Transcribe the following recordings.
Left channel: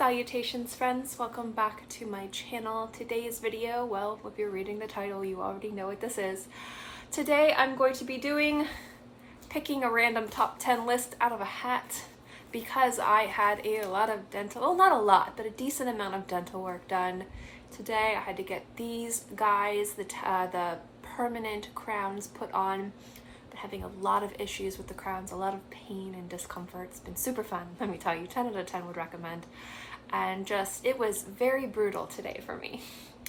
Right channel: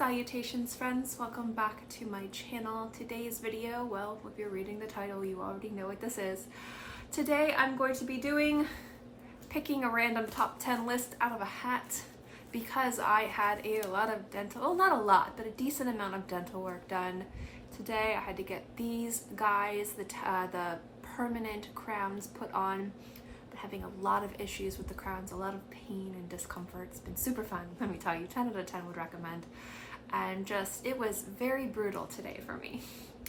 Salutations friends, welcome back to my channel. Today's video, well, if you're reading the title, you already know what this is. Today I'm going to be picking a random top 10 list out of a hat because I had a lot of dental, well not a lot, but a decent amount of dental work done. Today I had to get these guys, the permanent crowns put on. Been having a lot of issues with the crowns, a lot of pain and discomfort. It's been super fun, let me tell you. 10 out of 10 would recommend. And just, it was very brutal today for me.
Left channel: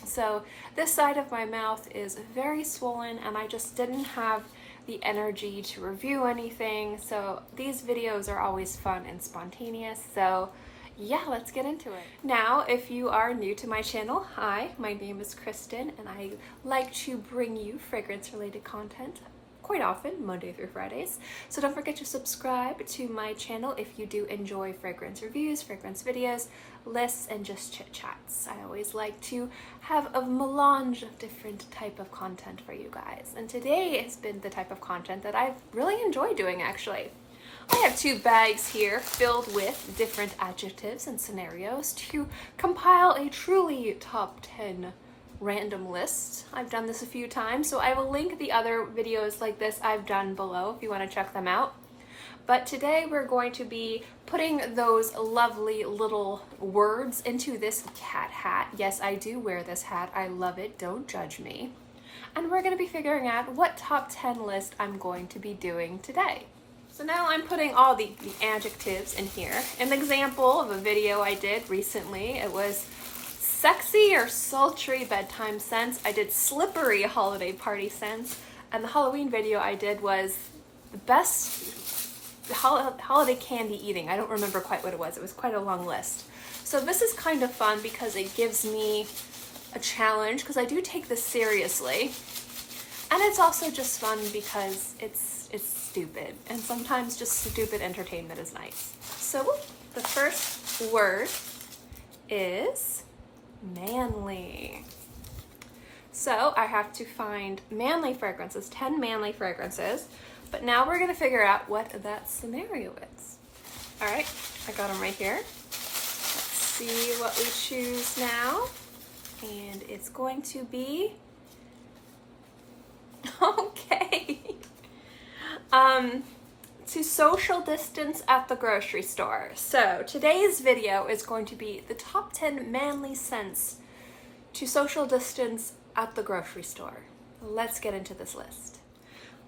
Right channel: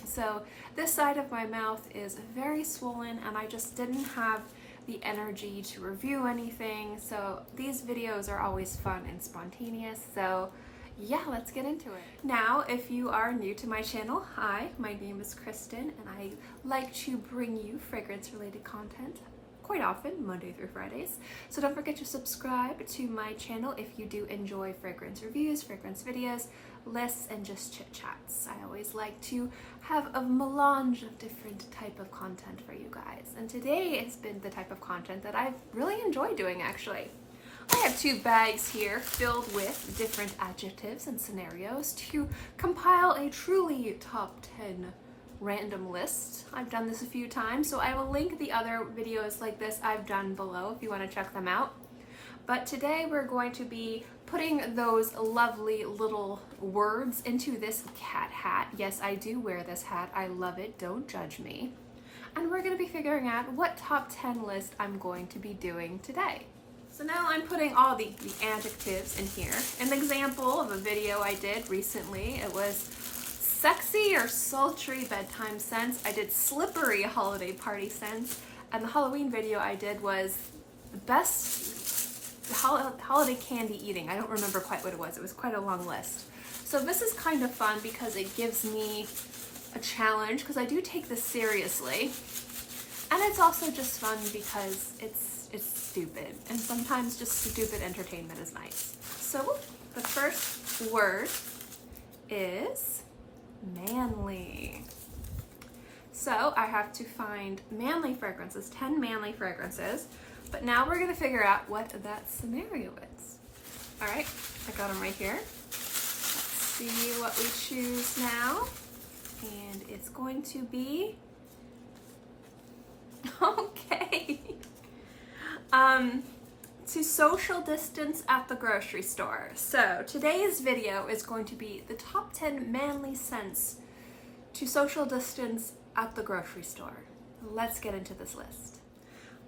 So this side of my mouth is very swollen and I just didn't have the energy to review anything. So these videos are always fun and spontaneous. So yeah, let's get into it. Now, if you are new to my channel, hi, my name is Kristen and I like to bring you fragrance related content quite often, Monday through Fridays. So don't forget to subscribe to my channel if you do enjoy fragrance reviews, fragrance videos, lists, and just chit chats. I always like to have a melange of different type of content for you guys. And today has been the type of content that I've really enjoyed doing actually. I have two bags here filled with different adjectives and scenarios to compile a truly top 10 random list. I've done this a few times, so I will link the other videos like this I've done below if you want to check them out. But today we're going to be putting those lovely little words into this cat hat. Yes, I do wear this hat. I love it. Don't judge me. And we're going to be figuring out what top 10 list I'm going to be doing today. So now I'm putting all the adjectives in here. An example of a video I did recently, it was sexy or sultry bedtime scents. I did slippery holiday party scents, and the Halloween video I did was the best holiday candy eating. I don't remember quite what it was. It was quite a long list. So this is kind of fun because it gives me a challenge because I do take this seriously, and it's also just fun because it's stupid, and sometimes just stupid entertainment is nice. So the first word is manly. So I have to find manly fragrances, 10 manly fragrances, but now we're gonna figure out what that scenario is. All right, I got them right here. Let's see what we choose now. And it's going to be, okay. To social distance at the grocery store. So today's video is going to be the top 10 manly scents to social distance at the grocery store. Let's get into this list.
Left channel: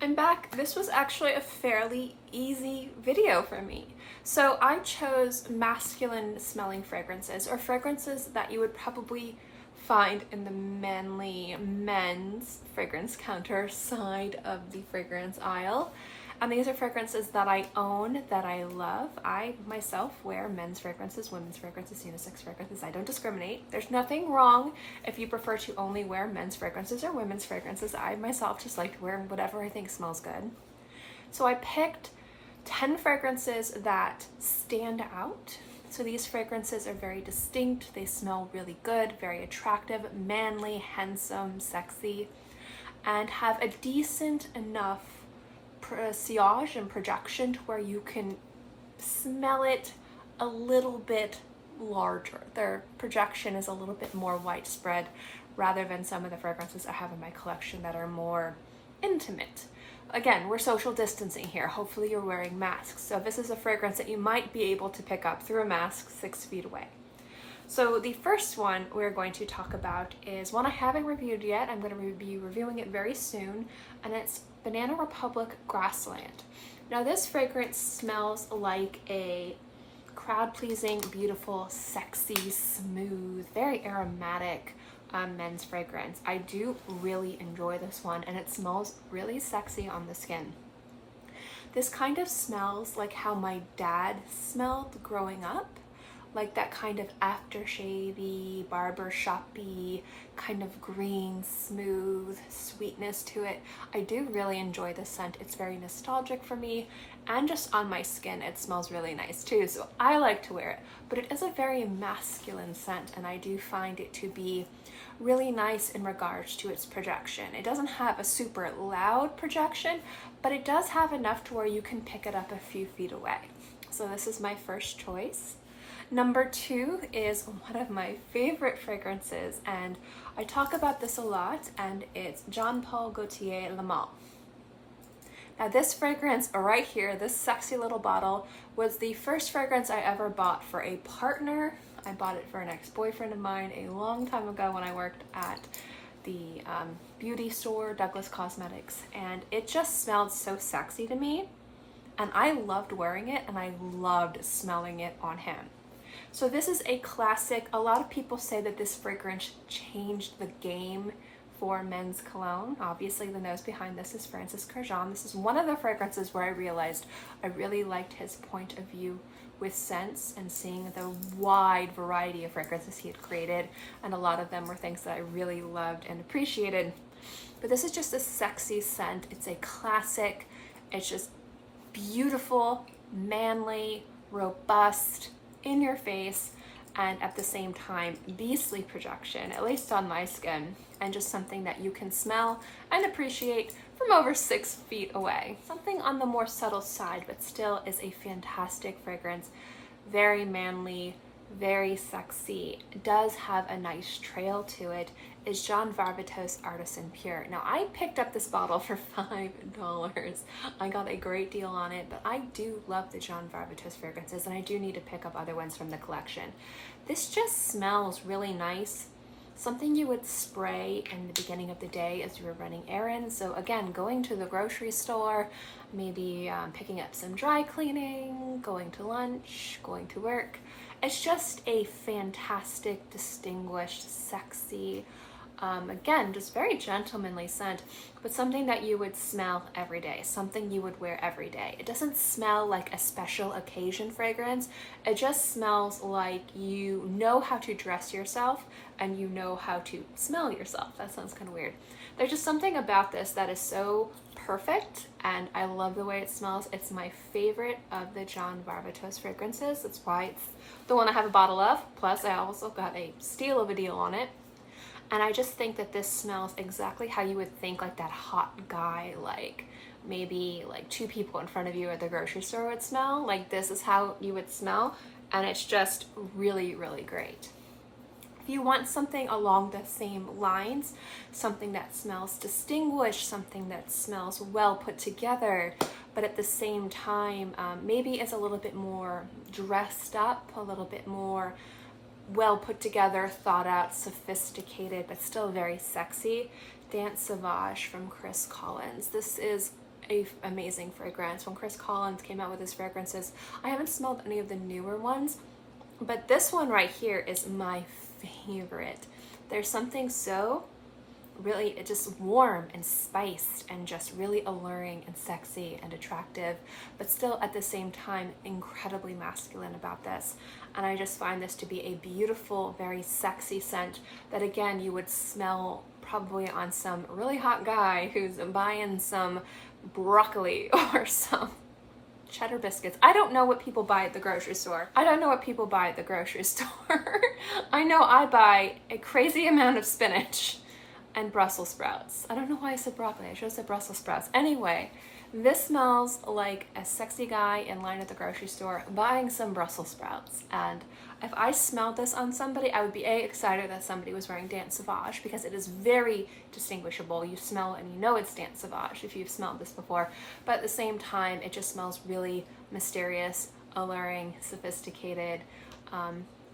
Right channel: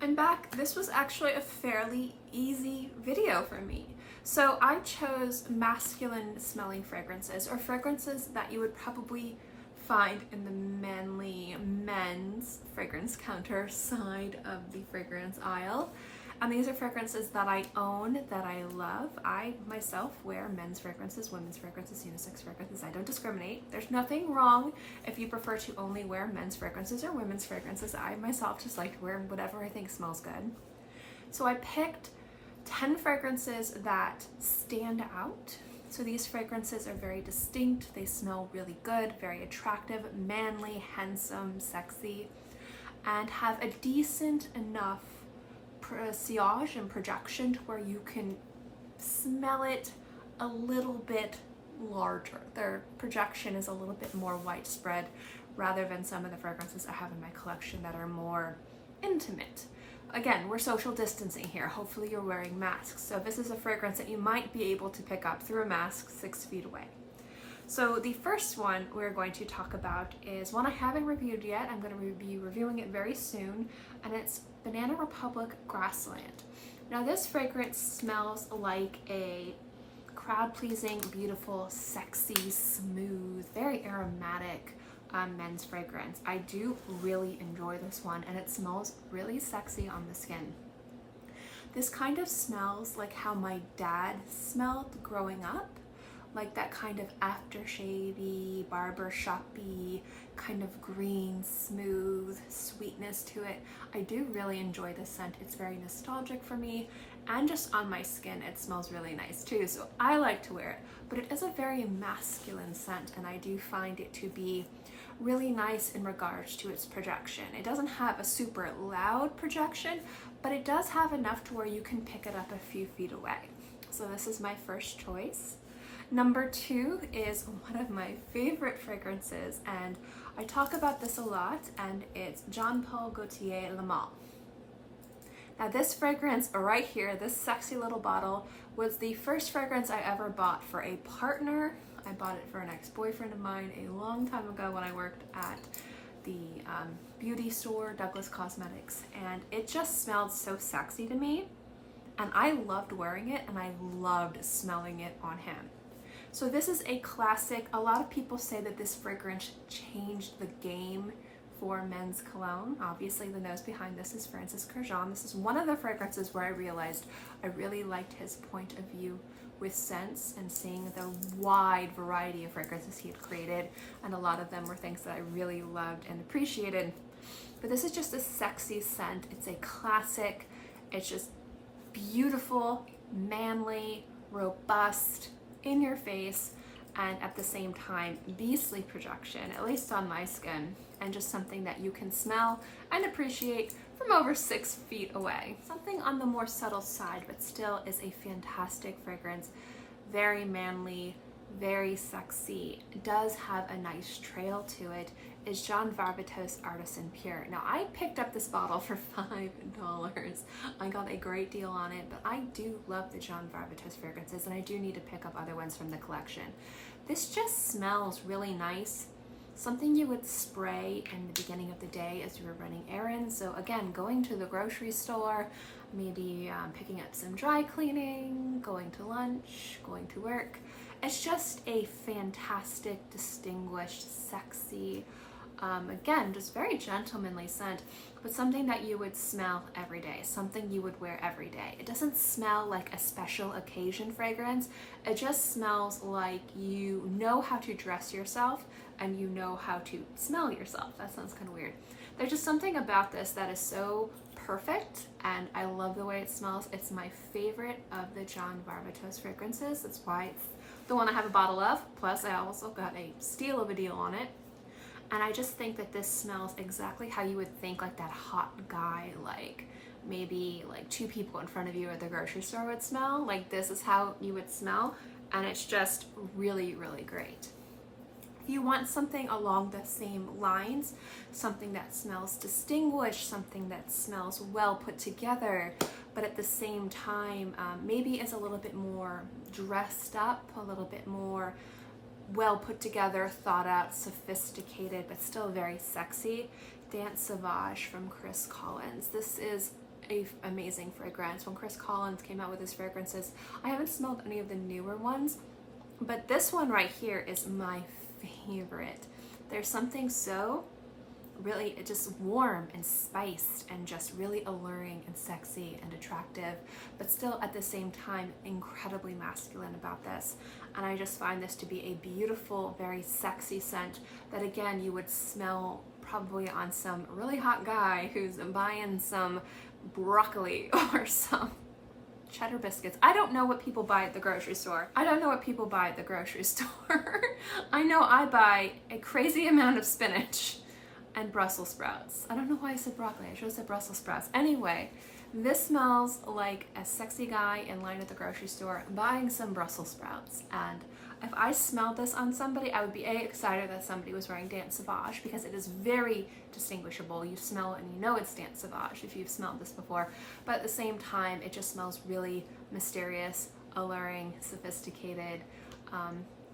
I'm back. This was actually a fairly easy video for me. So I chose masculine smelling fragrances, or fragrances that you would probably find in the manly men's fragrance counter side of the fragrance aisle. And these are fragrances that I own, that I love. I myself wear men's fragrances, women's fragrances, unisex fragrances. I don't discriminate. There's nothing wrong if you prefer to only wear men's fragrances or women's fragrances. I myself just like to wear whatever I think smells good. So I picked 10 fragrances that stand out. So these fragrances are very distinct. They smell really good, very attractive, manly, handsome, sexy, and have a decent enough sillage and projection to where you can smell it a little bit larger. Their projection is a little bit more widespread rather than some of the fragrances I have in my collection that are more intimate. Again, we're social distancing here. Hopefully you're wearing masks. So this is a fragrance that you might be able to pick up through a mask 6 feet away. So the first one we're going to talk about is one I haven't reviewed yet. I'm going to be reviewing it very soon, and it's Banana Republic Grassland. Now this fragrance smells like a crowd-pleasing, beautiful, sexy, smooth, very aromatic men's fragrance. I do really enjoy this one, and it smells really sexy on the skin. This kind of smells like how my dad smelled growing up, like that kind of aftershave-y, barbershop-y, kind of green, smooth sweetness to it. I do really enjoy this scent. It's very nostalgic for me, and just on my skin it smells really nice too, so I like to wear it. But it is a very masculine scent, and I do find it to be really nice in regards to its projection. It doesn't have a super loud projection, but it does have enough to where you can pick it up a few feet away. So this is my first choice. Number 2 is one of my favorite fragrances, and I talk about this a lot, and it's Jean-Paul Gaultier Le Male. Now this fragrance right here, this sexy little bottle, was the first fragrance I ever bought for a partner. I bought it for an ex-boyfriend of mine a long time ago when I worked at the beauty store, Douglas Cosmetics, and it just smelled so sexy to me, and I loved wearing it and I loved smelling it on him. So this is a classic. A lot of people say that this fragrance changed the game for men's cologne. Obviously the nose behind this is Francis Kurkdjian. This is one of the fragrances where I realized I really liked his point of view with scents and seeing the wide variety of fragrances he had created, and a lot of them were things that I really loved and appreciated. But this is just a sexy scent. It's a classic. It's just beautiful, manly, robust, in your face, and at the same time beastly projection, at least on my skin, and just something that you can smell and appreciate from over 6 feet away. Something on the more subtle side, but still is a fantastic fragrance. Very manly, very sexy, does have a nice trail to it, is Jean Varvatos Artisan Pure. Now I picked up this bottle for $5. I got a great deal on it, but I do love the Jean Varvatos fragrances, and I do need to pick up other ones from the collection. This just smells really nice. Something you would spray in the beginning of the day as you were running errands. So again, going to the grocery store, maybe picking up some dry cleaning, going to lunch, going to work. It's just a fantastic, distinguished, sexy, again, just very gentlemanly scent, but something that you would smell every day, something you would wear every day. It doesn't smell like a special occasion fragrance. It just smells like you know how to dress yourself and you know how to smell yourself. That sounds kind of weird. There's just something about this that is so perfect, and I love the way it smells. It's my favorite of the Jean Varvatos fragrances. That's why it's the one I have a bottle of. Plus I also got a steal of a deal on it. And I just think that this smells exactly how you would think like that hot guy, like maybe like 2 people in front of you at the grocery store would smell. Like this is how you would smell, and it's just really, really great. If you want something along the same lines, something that smells distinguished, something that smells well put together, but at the same time maybe is a little bit more dressed up, a little bit more well put together, thought out, sophisticated, but still very sexy, DanseSauvage from Chris Collins. This is an amazing fragrance. When Chris Collins came out with his fragrances, I haven't smelled any of the newer ones, but this one right here is my favorite. There's something so really just warm and spiced and just really alluring and sexy and attractive, but still at the same time incredibly masculine about this. And I just find this to be a beautiful, very sexy scent that again you would smell probably on some really hot guy who's buying some broccoli or some cheddar biscuits. I don't know what people buy at the grocery store. I don't know what people buy at the grocery store. I know I buy a crazy amount of spinach and Brussels sprouts. I don't know why I said broccoli. I should have said Brussels sprouts. Anyway, this smells like a sexy guy in line at the grocery store buying some Brussels sprouts. And if I smelled this on somebody, I would be excited that somebody was wearing DanseSauvage, because it is very distinguishable. You smell it and you know it's DanseSauvage if you've smelled this before. But at the same time, it just smells really mysterious, alluring, sophisticated,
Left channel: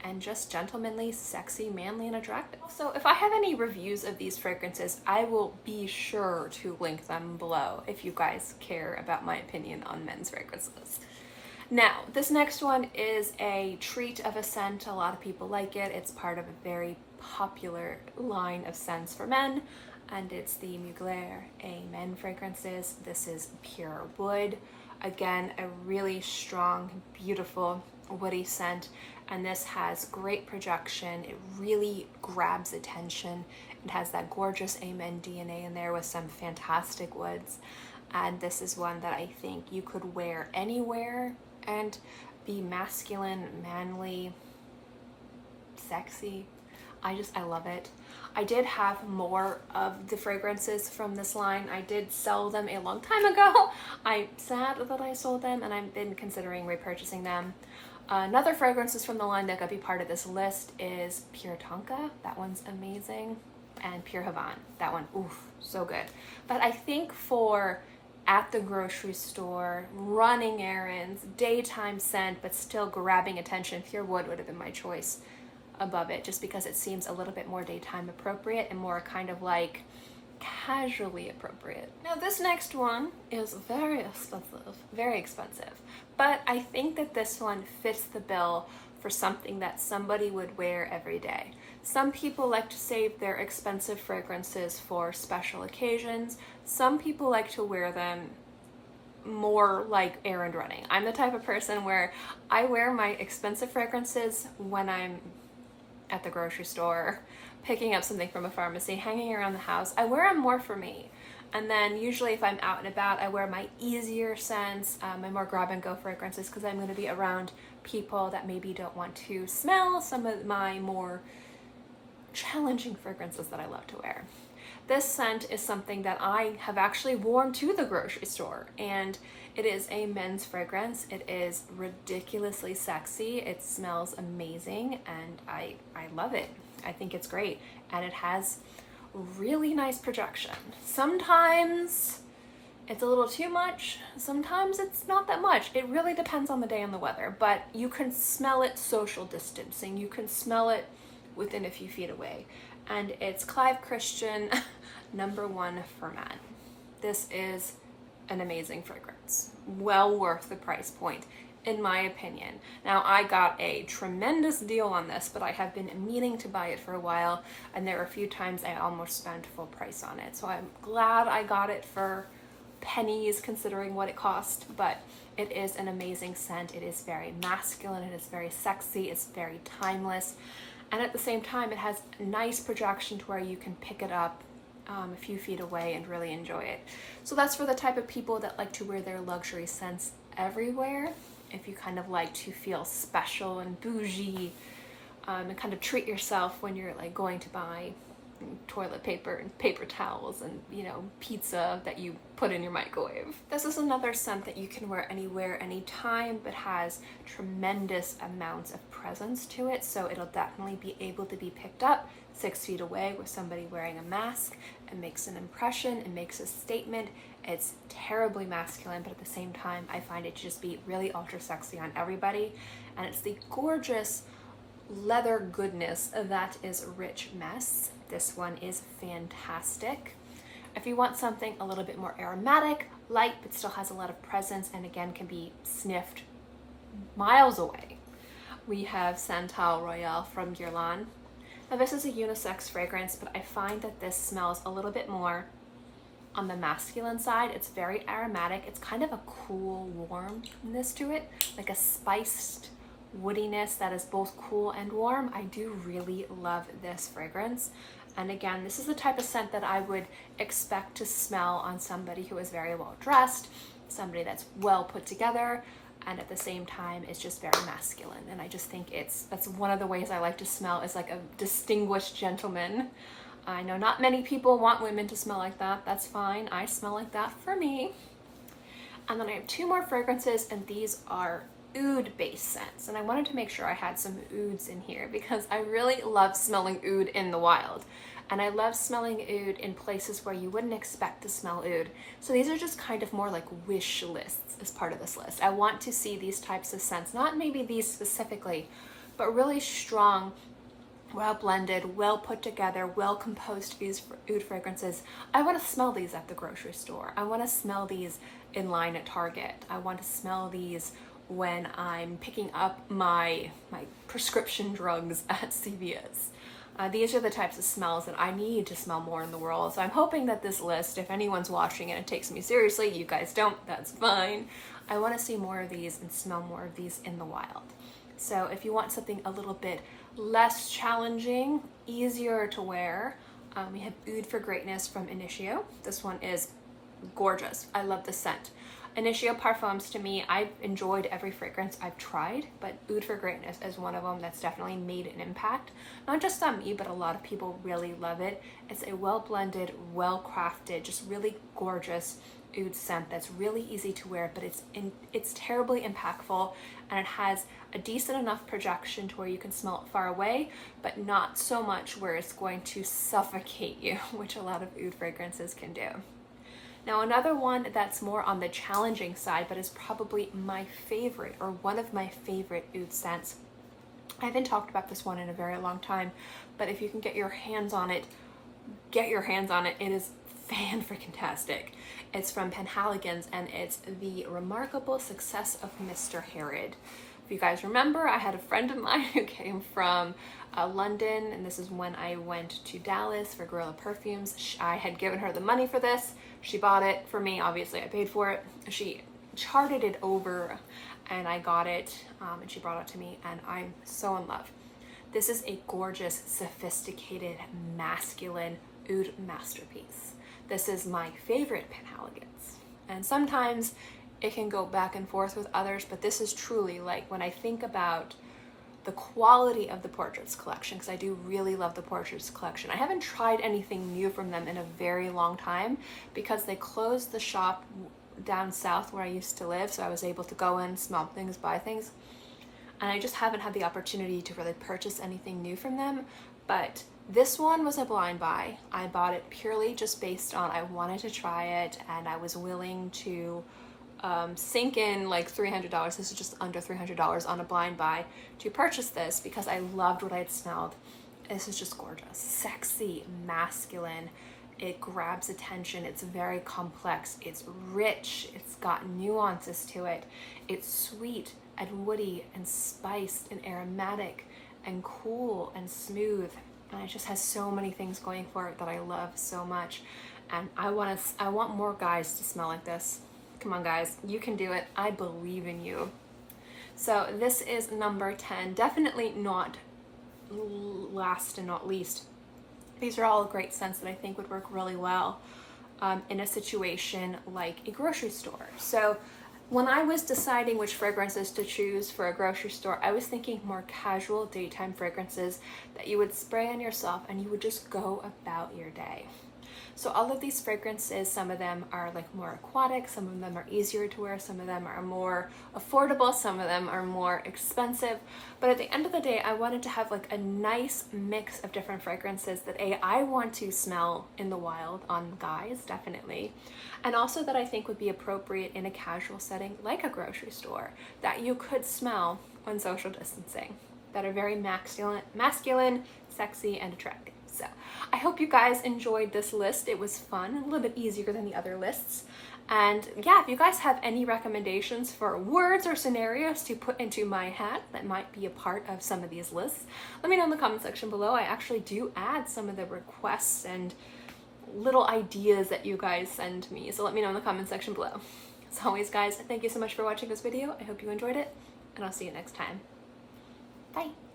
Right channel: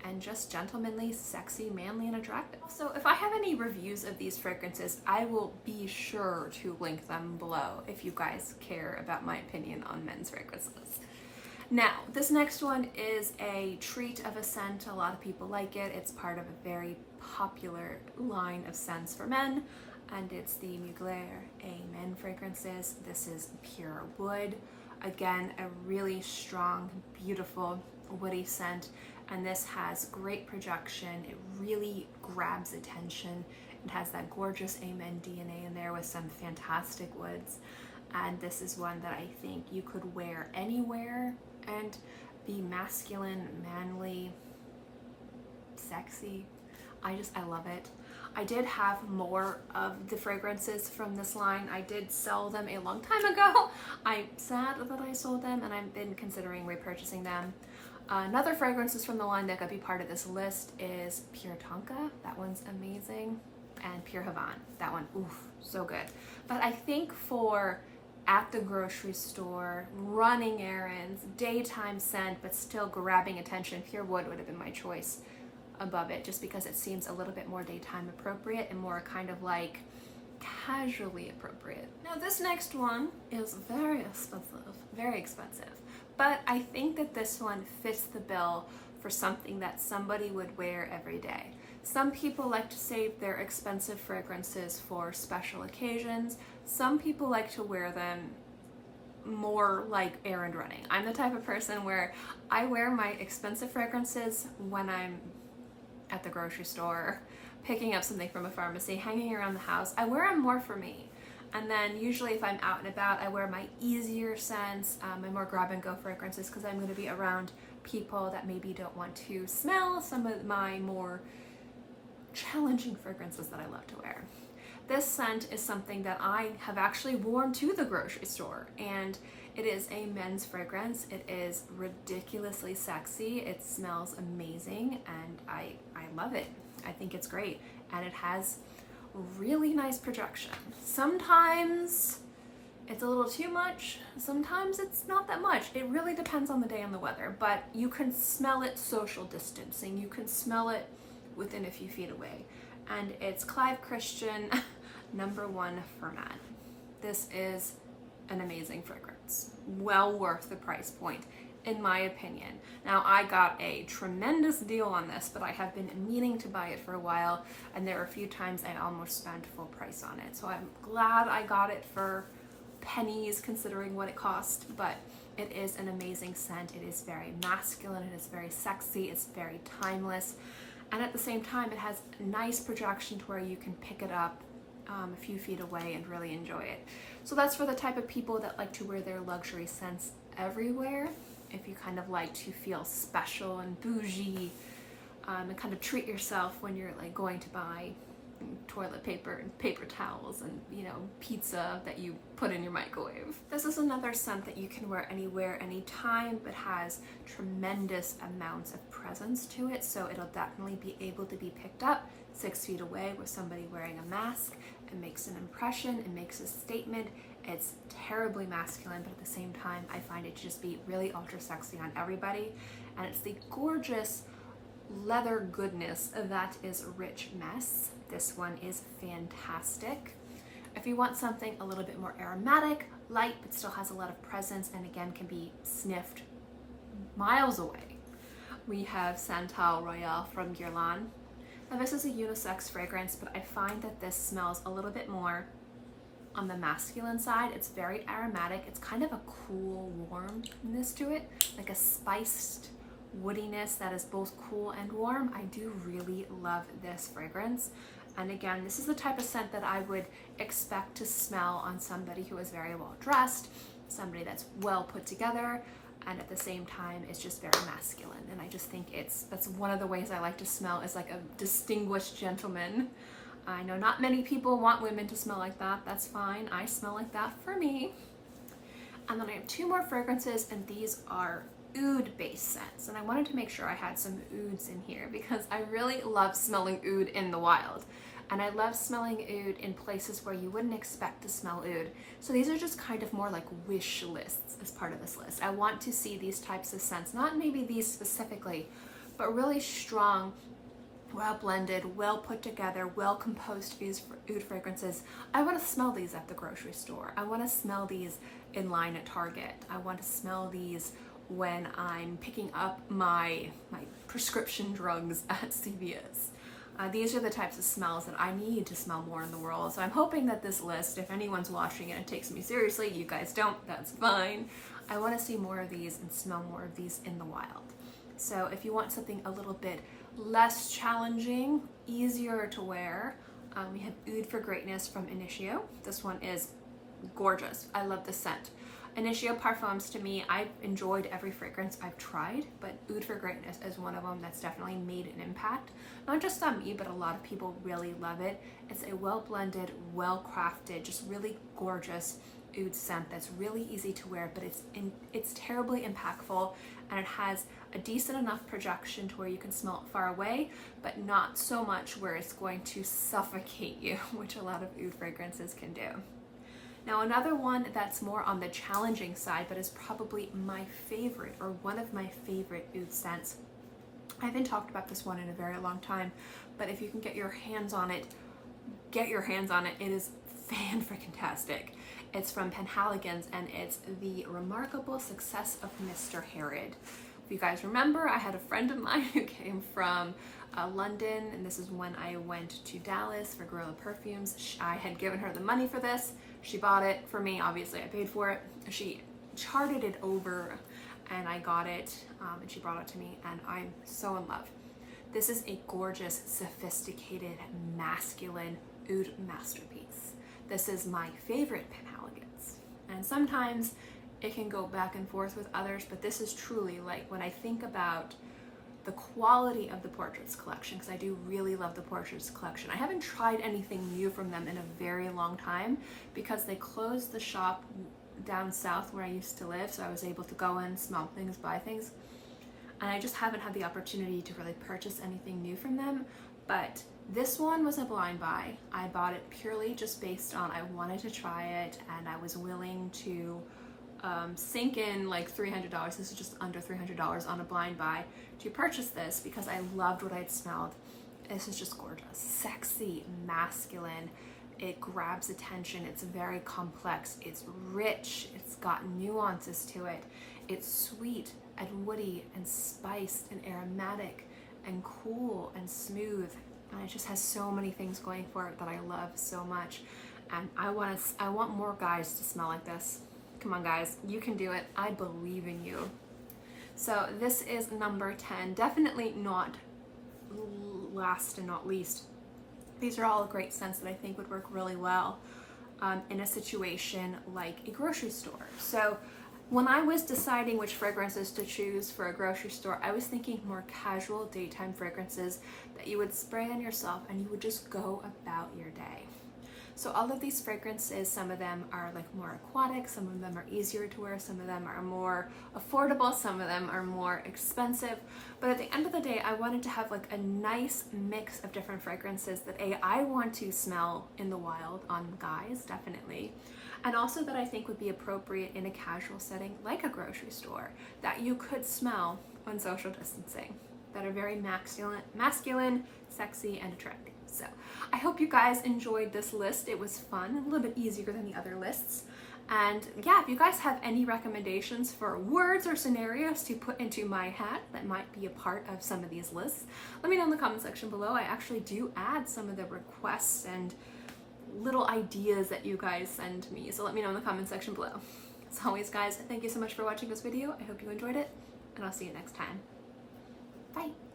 and just gentlemanly, sexy, manly, and attractive. So if I have any reviews of these fragrances, I will be sure to link them below if you guys care about my opinion on men's fragrances. Now, this next one is a treat of a scent. A lot of people like it. It's part of a very popular line of scents for men, and it's the Mugler Men fragrances. This is pure wood. Again, a really strong, beautiful, woody scent, and this has great projection. It really grabs attention. It has that gorgeous Amen DNA in there with some fantastic woods, and this is one that I think you could wear anywhere and be masculine, manly, sexy. I love it. I did have more of the fragrances from this line. I did sell them a long time ago. I'm sad that I sold them, and I've been considering repurchasing them. Another fragrances from the line that could be part of this list is Pure Tonka. That one's amazing. And Pure Havana. That one, oof, so good. But I think for at the grocery store, running errands, daytime scent, but still grabbing attention, Pure Wood would have been my choice above it, just because it seems a little bit more daytime appropriate and more kind of like casually appropriate. Now this next one is very expensive, but I think that this one fits the bill for something that somebody would wear every day. Some people like to save their expensive fragrances for special occasions. Some people like to wear them more like errand running. I'm the type of person where I wear my expensive fragrances when I'm at the grocery store, picking up something from a pharmacy, hanging around the house. I wear them more for me. And then usually if I'm out and about, I wear my easier scents, my more grab and go fragrances, because I'm going to be around people that maybe don't want to smell some of my more challenging fragrances that I love to wear. This scent is something that I have actually worn to the grocery store, and it is a men's fragrance. It is ridiculously sexy. It smells amazing, and I love it. I think it's great, and it has really nice projection. Sometimes it's a little too much, sometimes it's not that much. It really depends on the day and the weather, but you can smell it social distancing. You can smell it within a few feet away. And it's Clive Christian #1 Ferment. This is an amazing fragrance. Well worth the price point, in my opinion. Now, I got a tremendous deal on this, but I have been meaning to buy it for a while, and there are a few times I almost spent full price on it. So I'm glad I got it for pennies considering what it cost, but it is an amazing scent. It is very masculine, it is very sexy, it's very timeless, and at the same time it has nice projection to where you can pick it up a few feet away and really enjoy it. So that's for the type of people that like to wear their luxury scents everywhere. If you kind of like to feel special and bougie, and kind of treat yourself when you're like going to buy toilet paper and paper towels and, you know, pizza that you put in your microwave. This is another scent that you can wear anywhere, anytime, but has tremendous amounts of presence to it. So it'll definitely be able to be picked up 6 feet away with somebody wearing a mask. It makes an impression, it makes a statement. It's terribly masculine, but at the same time, I find it to just be really ultra sexy on everybody. And it's the gorgeous leather goodness that is Rich Mess. This one is fantastic. If you want something a little bit more aromatic, light, but still has a lot of presence, and again can be sniffed miles away, we have Santal Royale from Guerlain. Now this is a unisex fragrance, but I find that this smells a little bit more on the masculine side. It's very aromatic. It's kind of a cool warmness to it, like a spiced woodiness that is both cool and warm. I do really love this fragrance. And again, this is the type of scent that I would expect to smell on somebody who is very well dressed, somebody that's well put together, and at the same time it's just very masculine. And I just think that's one of the ways I like to smell, is like a distinguished gentleman. I know not many people want women to smell like that. That's fine. I smell like that for me. And then I have 2 more fragrances, and these are oud-based scents. And I wanted to make sure I had some ouds in here because I really love smelling oud in the wild. And I love smelling oud in places where you wouldn't expect to smell oud. So these are just kind of more like wish lists as part of this list. I want to see these types of scents, not maybe these specifically, but really strong, well blended, well put together, well composed oud fragrances. I want to smell these at the grocery store. I want to smell these in line at Target. I want to smell these when I'm picking up my prescription drugs at CVS. These are the types of smells that I need to smell more in the world. So I'm hoping that this list, if anyone's watching and it takes me seriously, you guys don't, that's fine. I want to see more of these and smell more of these in the wild. So if you want something a little bit less challenging, easier to wear, we have Oud for Greatness from Initio. This one is gorgeous. I love the scent. Initio Parfums, to me, I've enjoyed every fragrance I've tried, but Oud for Greatness is one of them that's definitely made an impact. Not just on me, but a lot of people really love it. It's a well-blended, well-crafted, just really gorgeous oud scent that's really easy to wear, but it's terribly impactful, and it has a decent enough projection to where you can smell it far away, but not so much where it's going to suffocate you, which a lot of oud fragrances can do. Now, another one that's more on the challenging side, but is probably my favorite, or one of my favorite oud scents. I haven't talked about this one in a very long time, but if you can get your hands on it, get your hands on it. It is fan-freaking-tastic. It's from Penhaligon's, and it's the Remarkable Success of Mr. Harrod. If you guys remember, I had a friend of mine who came from London, and this is when I went to Dallas for Guerlain perfumes. I had given her the money for this. She bought it for me. Obviously, I paid for it. She charted it over, and I got it, and she brought it to me, and I'm so in love. This is a gorgeous, sophisticated, masculine oud masterpiece. This is my favorite Penhaligon's, and sometimes it can go back and forth with others, but this is truly, like, when I think about the quality of the Portraits collection, because I do really love the Portraits collection. I haven't tried anything new from them in a very long time because they closed the shop down south where I used to live, so I was able to go in, smell things, buy things, and I just haven't had the opportunity to really purchase anything new from them. But this one was a blind buy. I bought it purely just based on I wanted to try it, and I was willing to sink in like $300. This is just under $300 on a blind buy to purchase this because I loved what I had smelled. This is just gorgeous, sexy, masculine. It grabs attention. It's very complex. It's rich. It's got nuances to it. It's sweet and woody and spiced and aromatic and cool and smooth. And it just has so many things going for it that I love so much. And I want more guys to smell like this. Come on, guys, you can do it. I believe in you. So this is number 10. Definitely not last and not least. These are all great scents that I think would work really well in a situation like a grocery store. So when I was deciding which fragrances to choose for a grocery store, I was thinking more casual daytime fragrances that you would spray on yourself and you would just go about your day. So all of these fragrances, some of them are like more aquatic, some of them are easier to wear, some of them are more affordable, some of them are more expensive. But at the end of the day, I wanted to have like a nice mix of different fragrances that I want to smell in the wild on guys, definitely. And also that I think would be appropriate in a casual setting like a grocery store, that you could smell when social distancing, that are very masculine, sexy, and attractive. So I hope you guys enjoyed this list. It was fun, a little bit easier than the other lists. And yeah, if you guys have any recommendations for words or scenarios to put into my hat that might be a part of some of these lists, let me know in the comment section below. I actually do add some of the requests and little ideas that you guys send me. So let me know in the comment section below. As always, guys, thank you so much for watching this video. I hope you enjoyed it, and I'll see you next time. Bye.